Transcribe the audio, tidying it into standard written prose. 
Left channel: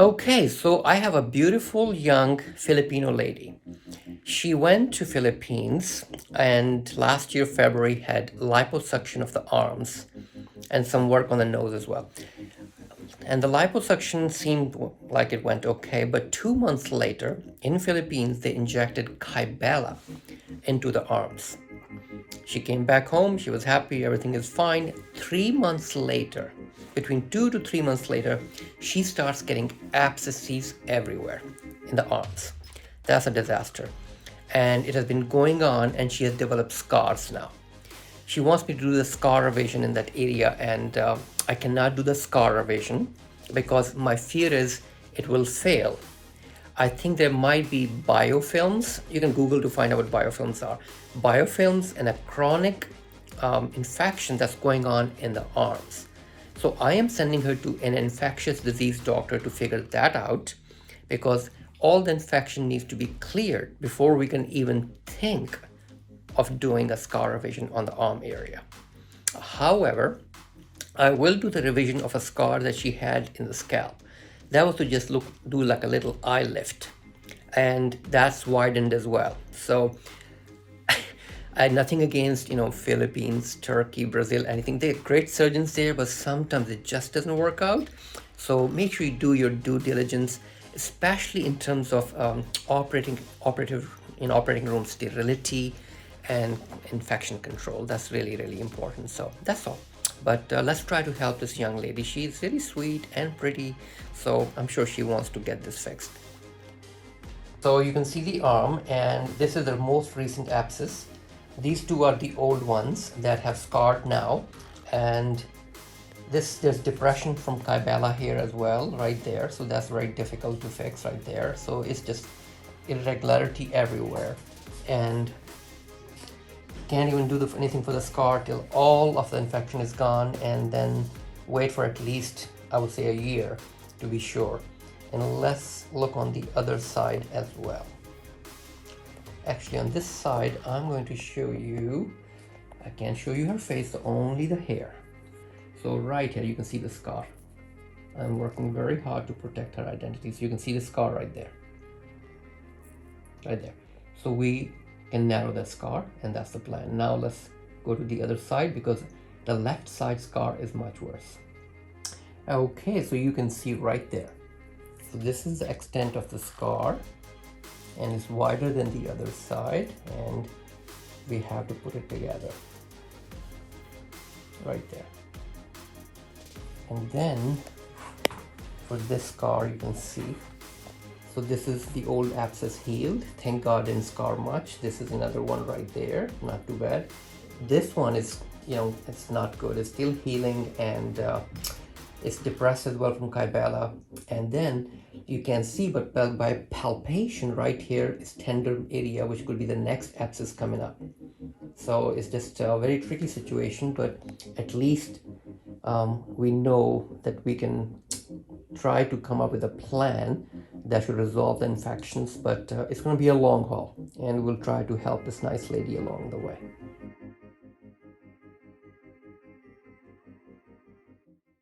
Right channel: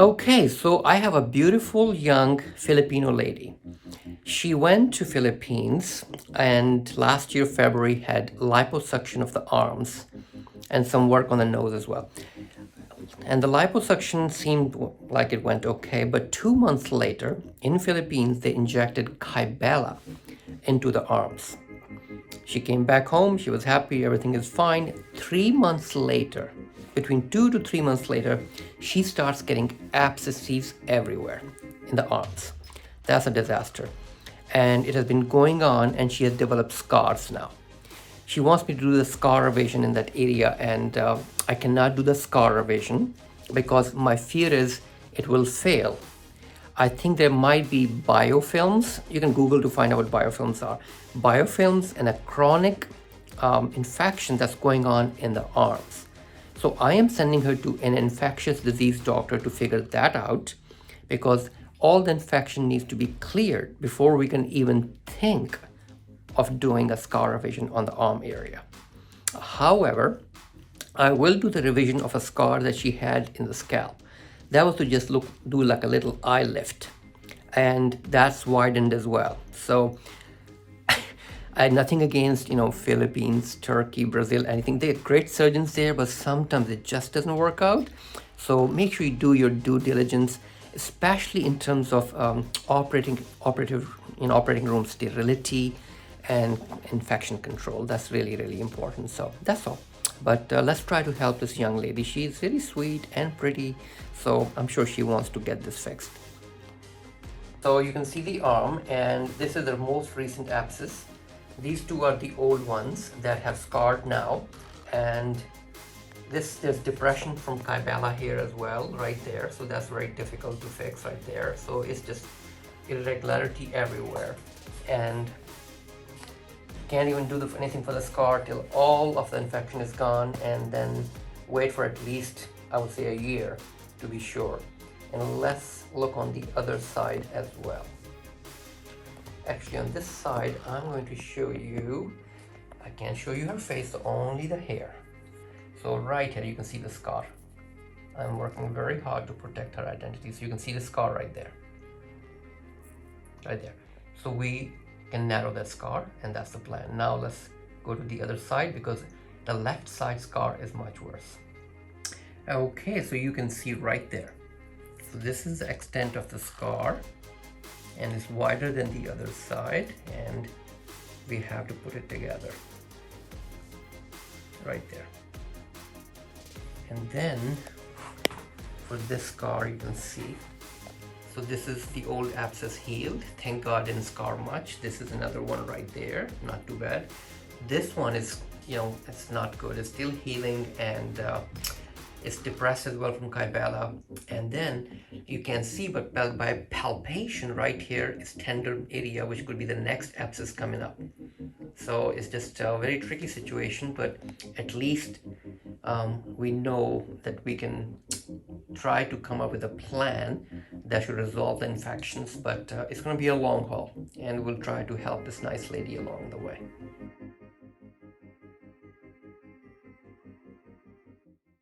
Okay, so I have a beautiful young Filipino lady. She went to Philippines and last year February had liposuction of the arms and some work on the nose as well. And the liposuction seemed like it went okay, but 2 months later in Philippines they injected Kybella into the arms. She came back home, she was happy, everything is fine. 3 months later, between 2 to 3 months later, she starts getting abscesses everywhere in the arms. That's a disaster. And it has been going on, and she has developed scars now. She wants me to do the scar evasion in that area, and I cannot do the scar evasion because my fear is it will fail. I think there might be biofilms. You can Google to find out what biofilms are. Biofilms and a chronic infection that's going on in the arms. So I am sending her to an infectious disease doctor to figure that out because all the infection needs to be cleared before we can even think of doing a scar revision on the arm area. However, I will do the revision of a scar that she had in the scalp. That was to just do like a little eye lift, and that's widened as well. So I had nothing against, Philippines, Turkey, Brazil, anything. They're great surgeons there, but sometimes it just doesn't work out. So make sure you do your due diligence, especially in terms of operating room sterility and infection control. That's really, really important. So that's all. But let's try to help this young lady. She's really sweet and pretty, so I'm sure she wants to get this fixed. So you can see the arm, and this is the most recent abscess. These two are the old ones that have scarred now, and there's depression from Kybella here as well, right there. So that's very difficult to fix right there. So it's just irregularity everywhere, and can't even do anything for the scar till all of the infection is gone, and then wait for at least, I would say, a year to be sure. And let's look on the other side as well. Actually, on this side, I'm going to show you, I can't show you her face, only the hair. So right here, you can see the scar. I'm working very hard to protect her identity. So you can see the scar right there. Right there. So we can narrow that scar, and that's the plan. Now let's go to the other side because the left side scar is much worse. Okay, so you can see right there. So this is the extent of the scar, and it's wider than the other side, and we have to put it together right there. And then for this scar, you can see, so this is the old abscess healed. Thank God didn't scar much. This is another one right there, not too bad. This one is, it's not good. It's still healing, and it's depressed as well from Kybella. And then you can see, but by palpation right here is tender area, which could be the next abscess coming up. So it's just a very tricky situation, but at least we know that we can try to come up with a plan that should resolve the infections, but it's going to be a long haul, and we'll try to help this nice lady along the way.